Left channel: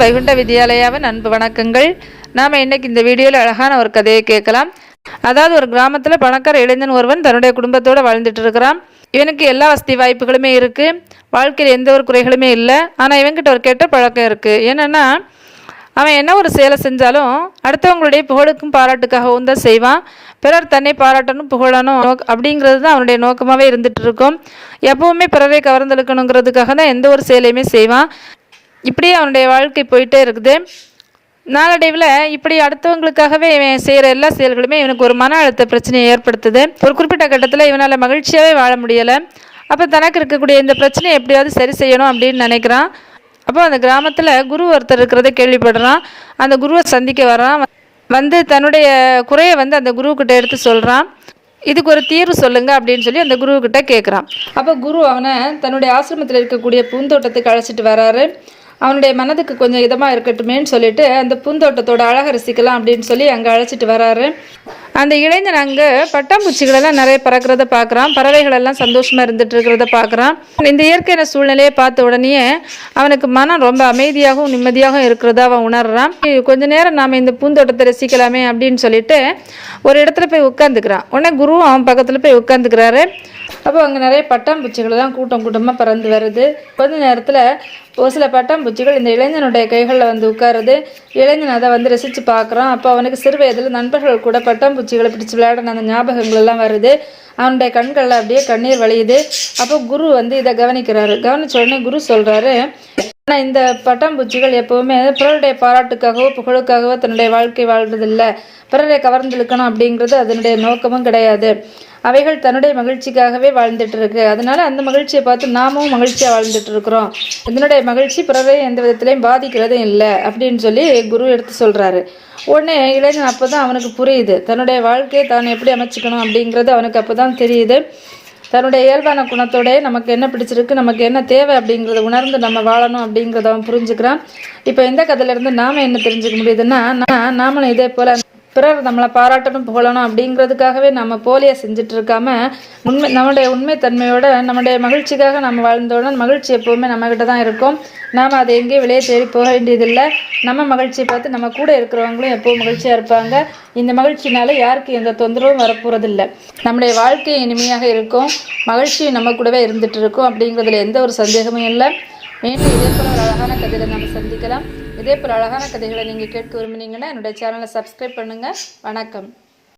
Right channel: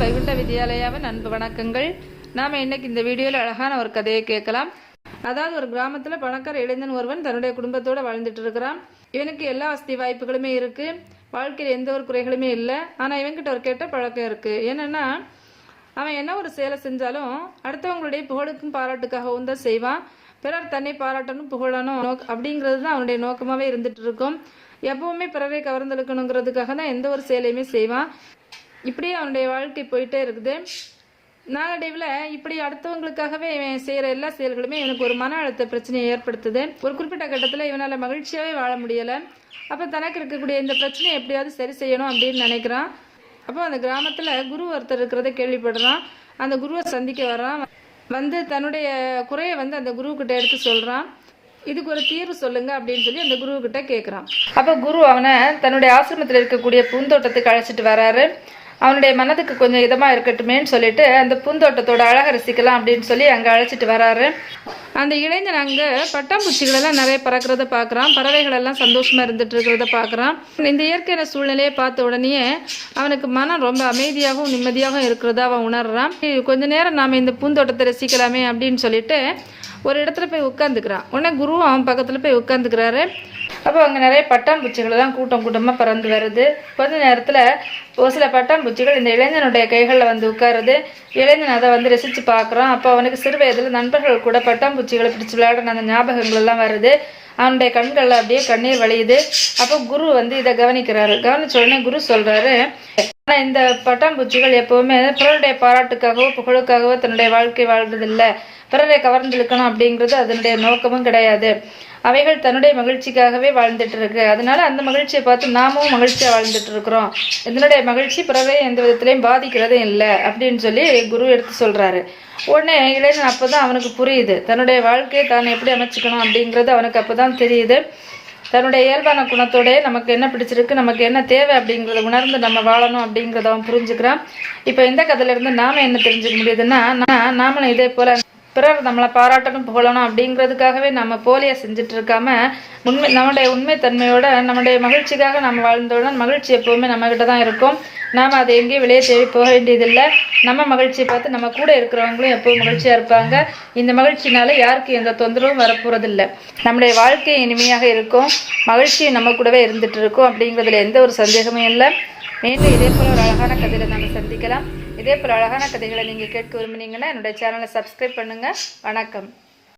வைகுண்ட வித்யாலயாவின் அன்பு வணக்கங்கள். நாம் இன்னைக்கு இந்த வீடியோவில் அழகான ஒரு கதையை கேட்கலாம். அதாவது ஒரு கிராமத்தில் பணக்கார இளைஞன் ஒருவன் தன்னுடைய குடும்பத்தோடு வாழ்ந்துட்டு இருக்கிறான். இவனுக்கு எல்லா வசதி வாய்ப்புகளுமே இருக்குது வாழ்க்கையில் எந்த ஒரு குறைகளுமே இல்லை. ஆனால் இவன்கிட்ட ஒரு கெட்ட பழக்கம் இருக்குது என்னென்னா அவன் என்ன ஒரு செயலை செஞ்சாலும் அடுத்தவங்களுடைய புகழுக்கும் பாராட்டுக்காகவும் தான் செய்வான். பிறர் தன்னை பாராட்டணும் புகழணும் அப்படிங்கிறது தான் அவனுடைய நோக்கமாகவே இருந்துட்டு இருக்கும். எப்பவுமே பிறரை கவர்ந்தெழுக்கணுங்கிறதுக்காக தான் எந்த ஒரு செயலையுமே செய்வான். இப்படியே அவனுடைய வாழ்க்கை போயிட்டே இருக்குது. நாளடைவில் இப்படி அடுத்தவங்களுக்காகவே இவன் செய்கிற எல்லா செயல்களுமே இவனுக்கு ஒரு மன அழுத்த பிரச்சனையை ஏற்படுத்துது. ஒரு குறிப்பிட்ட கட்டத்தில் இவனால் மகிழ்ச்சியாகவே வாழ முடியலை. அப்போ தனக்கு இருக்கக்கூடிய இந்த பிரச்சனையை எப்படியாவது சரி செய்யணும் அப்படின்னு நினைக்கிறான். அப்போ அந்த கிராமத்தில் குரு ஒருத்தர் இருக்கிறத கேள்விப்படுறான். அந்த குருவை சந்திக்க வரான் வந்து தன்னுடைய குறையை வந்து அந்த குருக்கிட்ட எடுத்து சொல்கிறான் இதுக்கு ஒரு தீர்வு சொல்லுங்க அப்படின்னு சொல்லி அந்த குருவுக்கிட்ட கேட்குறான் அப்போ குரு அவனை தன்னுடைய ஆசிரமத்தில் இருக்கக்கூடிய பூந்தோட்டத்துக்கு அழைச்சிட்டு வராரு. அவனுடைய மனதுக்கு கொஞ்சம் இதமாக இருக்கட்டுமேன்னு சொல்லிட்டு அந்த பூந்தோட்டத்தோட அழகை ரசிக்கலாம் அப்படின்னு சொல்லி அங்கே அழைச்சிட்டு வராரு. அந்த இளைஞன் அங்கே பட்டாம்பூச்சிகளெல்லாம் நிறைய பறக்கிறத பார்க்குறான். பறவைகள் எல்லாம் சந்தோஷமாக இருந்துட்டு இருக்கிறத பார்க்குறான். இந்த இயற்கையான சூழ்நிலையை பார்த்த உடனே அவனுக்கு மனம் ரொம்ப அமைதியாகவும் நிம்மதியாகவும் இருக்கிறதா அவன் உணர்றான். கொஞ்ச நேரம் நாம் இந்த பூந்தோட்டத்தை ரசிக்கலாமே அப்படின்னு சொல்லிட்டு ஒரு இடத்துல போய் உட்காந்துக்கிறான் உடனே குருவும் அவன் பக்கத்தில் போய் உட்காந்துக்கிறாரு அப்போ அங்கே நிறைய பட்டாம்பூச்சிகள் தான் கூட்டம் கூட்டமாக பறந்து வருது. கொஞ்ச நேரத்தில் ஒரு சில பட்டாம்பூச்சிகள் இந்த இளைஞனுடைய கைகளில் வந்து உட்காருது. இளைஞன் அதை வந்து ரசித்து பார்க்குறான். அப்போ அவனுக்கு சிறு வயதில் நண்பர்கள் கூட பூச்சிகளை பிடிச்சி விளையாடின அந்த ஞாபகங்கள் எல்லாம் வருது. அவனுடைய கண்களில் அப்படியே கண்ணீர் வழியுது. அப்போ குரு வந்து இதை கவனிக்கிறாரு. கவனிச்ச உடனே குரு சொல்கிறாரு ஆனால் இந்த பட்டாம்பூச்சிகள் எப்போவுமே பிறருடைய பாராட்டுக்காகவோ புகழுக்காகவோ தன்னுடைய வாழ்க்கை வாழ்றதில்லை. பிறரை கவர்ந்திழுக்கணும் அப்படிங்கிறது அதனுடைய நோக்கமும் கிடையாது. அவைகள் தன்னுடைய மகிழ்ச்சிக்காகவே வாழ்ந்துட்டு இருக்கு அதனால அந்த மகிழ்ச்சியை பார்த்து நாமும் மகிழ்ச்சியாக வாழ்ந்துட்டு இருக்கிறோம் இதனுடைய மகிழ்ச்சி பிறவை எந்த விதத்திலையும் பாதிக்கிறதும் இல்லை அப்படின்னு சொல்லி குரு எடுத்து சொல்றாரு. உடனே இளைஞன் அப்பதான் அவனுக்கு புரியுது. தன்னுடைய வாழ்க்கையை தான் எப்படி அமைச்சுக்கணும் அப்படிங்கிறது அவனுக்கு அப்பதான் தெரியுது. தன்னுடைய இயல்பான குணத்தோட நமக்கு என்ன பிடிச்சிருக்கு நமக்கு என்ன தேவை அப்படிங்கிறத உணர்ந்து நம்ம வாழணும் அப்படிங்கிறத அவன் புரிஞ்சுக்கிறான். இப்போ இந்த கதையிலேருந்து நாம் நாம என்ன தெரிஞ்சுக்க முடியுதுன்னா நான் நாமளும் இதே போல பிறர் நம்மளை பாராட்டணும் புகழணும் அப்படிங்கிறதுக்காகவே நம்ம போலியா செஞ்சுட்டு இருக்காம உண்மை நம்மளுடைய உண்மை தன்மையோட நம்மளுடைய மகிழ்ச்சிக்காக நம்ம வாழ்ந்தோட மகிழ்ச்சி எப்போவுமே நம்மகிட்ட தான் இருக்கும். நாம் அதை எங்கேயும் வெளியே தேடி போக வேண்டியதில்லை. நம்ம மகிழ்ச்சியை பார்த்து நம்ம கூட இருக்கிறவங்களும் எப்போவும் மகிழ்ச்சியாக இருப்பாங்க. இந்த மகிழ்ச்சினால யாருக்கு எந்த தொந்தரவும் வரப்போகிறதில்ல நம்முடைய வாழ்க்கை இனிமையாக இருக்கும். மகிழ்ச்சியும் நம்ம கூடவே இருந்துட்டு இருக்கும் அப்படிங்கிறதுல எந்த ஒரு சந்தேகமும் இல்லை. மீண்டும் இதே போல் ஒரு அழகான கதையில நம்ம சந்திக்கலாம். இதே போல் அழகான கதைகளை நீங்கள் கேட்க விரும்புனீங்கன்னா என்னுடைய சேனலை சப்ஸ்கிரைப் பண்ணுங்கள் வணக்கம்.